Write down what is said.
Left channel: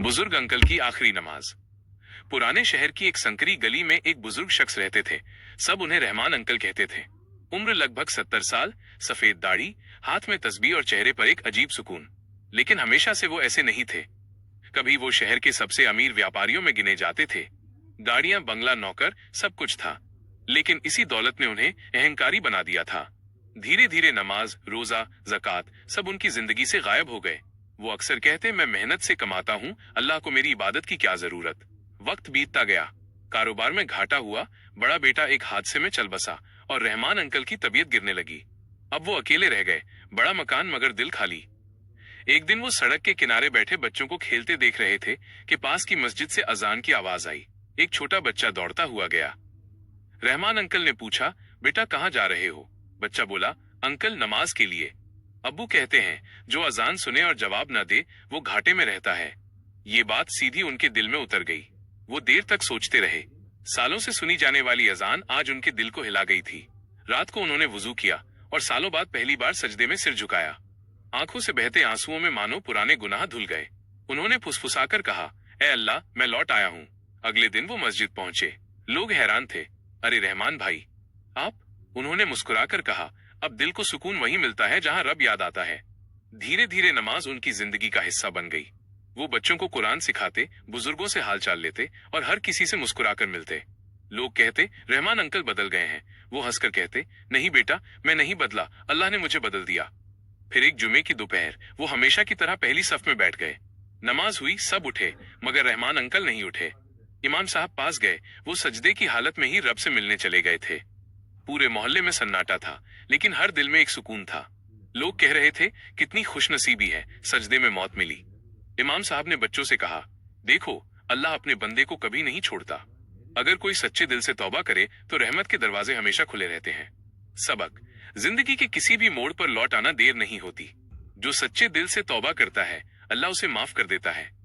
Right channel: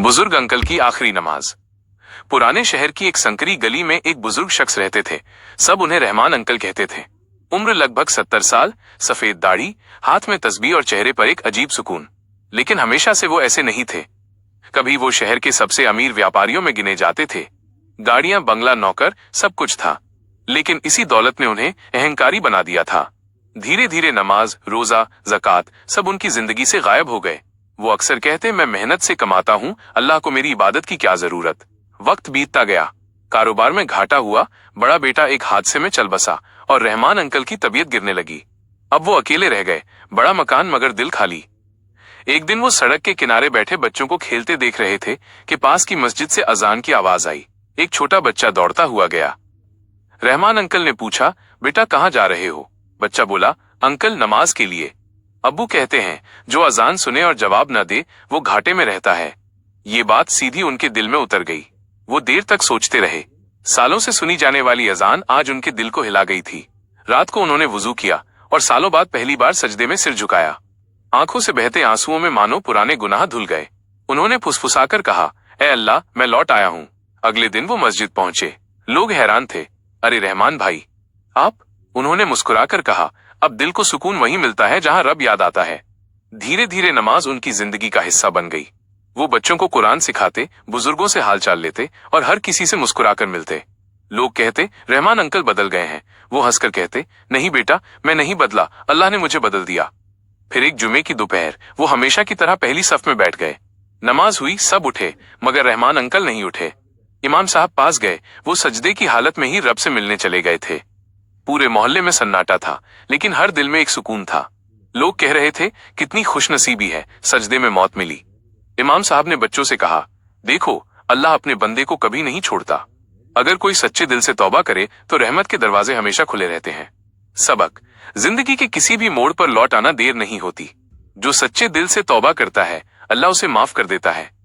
बुजुर्ग अंकल की आखिरी नमाज। पुराने शहर की एक संकरी गली में एक बुजुर्ग शख्स रहते थे। सब उन्हें रहमान अंकल कहते थे। उम्र लगभग 70 साल, सफेद दाढ़ी, हाथ में तस्बीह और चेहरे पर एक अजीब सुकून। लेकिन हमेशा से वो ऐसे नहीं थे। कभी वो शहर के सबसे अमीर व्यापारियों में गिने जाते थे। गाड़ियां, बंगला, नौकर, सब कुछ था। लेकिन इसी दौलत ने उन्हें अहंकारी बना दिया था। धीरे धीरे नमाज, रोजा, ज़कात सब उनकी जिंदगी से गायब हो गए। वो अक्सर कहते, मैं मेहनत से कमाता हूँ, अल्लाह को मेरी इबादत की क्या जरूरत। वक्त बीतता गया, कारोबार में घाटा हुआ, बड़ा बेटा एक हादसे में चल बसा और रहमान अंकल की तबीयत गिरने लगी। अब वो अकेले रह गए, बड़ा मकान मगर दिल खाली। एक दिन वो सड़क के किनारे बैठे बच्चों को खेलते देख रहे थे कि पास की मस्जिद से अजान की आवाज आई। एक छोटा बच्चा दौड़ता हुआ गया। रहमान अंकल ने पूछा, बेटा कहाँ जा रहे हो? बच्चा बोला, अंकल नमाज के लिए। अब्बू कहते हैं, जो अजान सुने और जवाब न दे वो घाटे में रहता है। ये बात सीधी उनके दिल में उतर गई। वो देर तक सोचते रहे। सालों से सुनी जाने वाली अजान आज उनके दिल को हिला गई थी। रात को उन्होंने वुजू किया और सालों बाद पहली बार सजदे में सिर झुकाया। आंखों से बहते आंसुओं में मानो पुराने गुनाह धुल गए। उन्होंने फुसफुसाकर कहा, ए अल्लाह, मैं लौट आया हूँ। अगले दिन वो मस्जिद पहुंचे। लोग हैरान थे। अरे रहमान भाई, आप? उन्होंने मुस्कुराकर कहा, अब दिल को सुकून वहीं मिलता है जहां रब याद आता है। धीरे धीरे नमाज उनकी जिंदगी का हिस्सा बन गई। वो बच्चों को कुरान सिखाते, बुजुर्गों से हालचाल लेते और हर किसी से मुस्कुराकर मिलते। लोग कहते, रहमान अंकल बदल गए हैं। वो हंसकर कहते, नहीं बेटा, मैं नहीं बदला, अल्लाह ने मुझे बदल दिया। फिर एक जुमे की दोपहर वो हमेशा की तरह पहली सफ में बैठ गए। नमाज हुई, सब उठे, मगर रहमान अंकल नहीं उठे। इमाम साहब पास गए, वो सजदे की हालत में ही रब से मिलने चले गए थे। पूरे मोहल्ले में सन्नाटा था, लेकिन हर दिल में एक सुकून था। लोग कह रहे थे, कितनी खुशनसीबी है, सजदे में मौत मिली। इमाम साहब ने बच्चों से कहा, देखो, अल्लाह अपने बंदे को कभी नहीं छोड़ता। अगर कोई सच्चे दिल से तौबा करे तो रहमत के दरवाजे हमेशा खुले रहते हैं। सबक, जिंदगी के किसी भी मोड़ पर लौट आना देर नहीं होती। जो सच्चे दिल से तौबा करता है, अल्लाह उसे माफ कर देता है।